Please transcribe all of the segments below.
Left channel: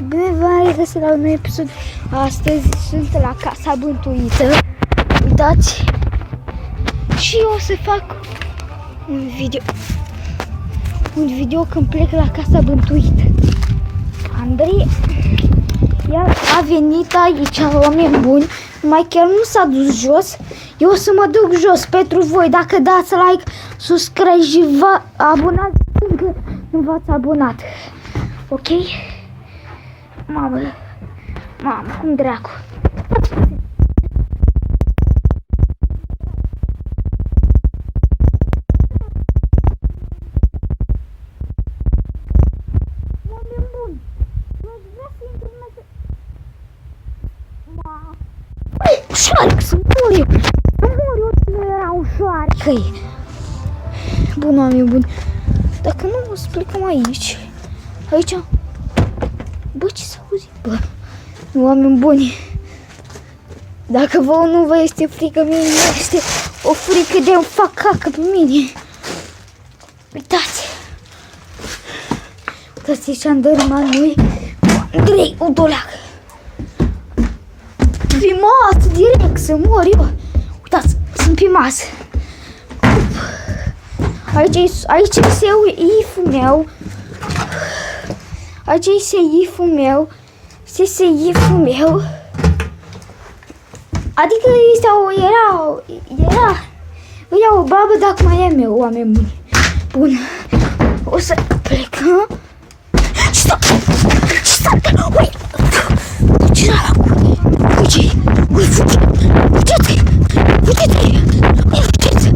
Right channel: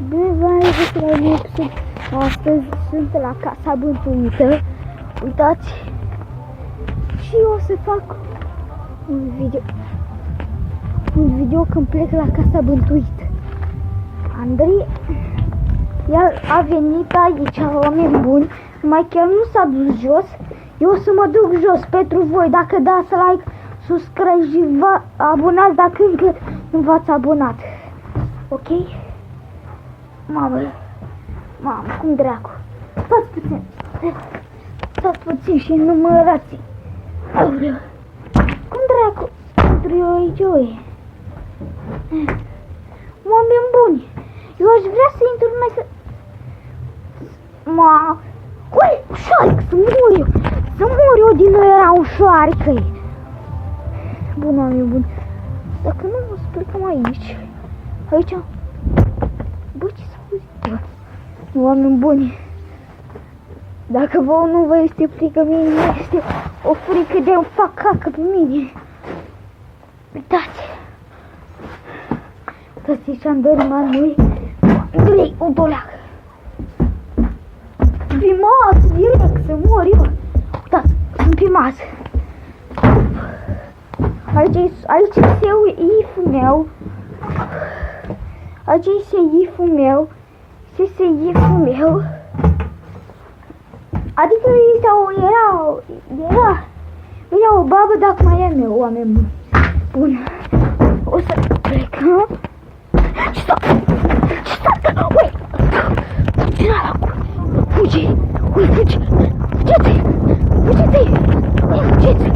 Bine v-am regăsit la un episod. Astăzi sunt la Casa Bântuită. Uitați. Și eu o să fac un video când plec la Casa Bântuită. Andrei, el a venit aici, oameni buni, numai chiar nu s-a dus jos. Eu o să mă duc jos pentru voi. Dacă dați like, subscribe și vă abonați dacă încă nu v-ați abonat. Ok? Mamă, cum dracu. Stați puțin și numărați. Aoleu. Cum dracu? Intru eu aici, oi. Oameni buni, eu aș vrea să intru numai că... Ui, șoarec, să mor eu. Să mor eu din nou, era un șoarec. Bun, oameni buni. Dacă nu, o să plecăm aici. Aici. Bă, ce s-a auzit? Bă, oameni buni, dacă vouă nu vă este frică, mie nu este o frică de-mi fac cacă pe mine. Uitați. Uitați ce am dărâmat noi. Andrei, o doleacă. Pe masă, direct, să mor eu. Uitați, sunt pe masă. Aici este iful meu. Aici este iful meu. Este iful meu. Adică era o babă, dacă mai e meu, oameni buni. Bun. O să plecăm. Stop! Ui! Ce era acolo? Fugi! Ui, fugi! Uite-te! Uite-te! Uite-te!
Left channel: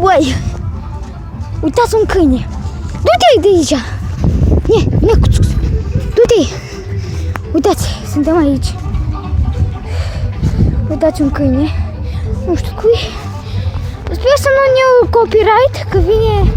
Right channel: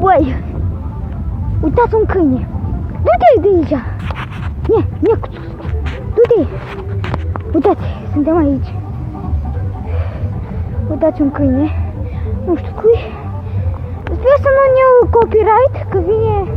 Ui! Uitați un câine! Du-te de aici! Du-te! Uitați, suntem aici. Uitați un câine. Nu știu cui. Sper să nu ne iau copyright, că vine...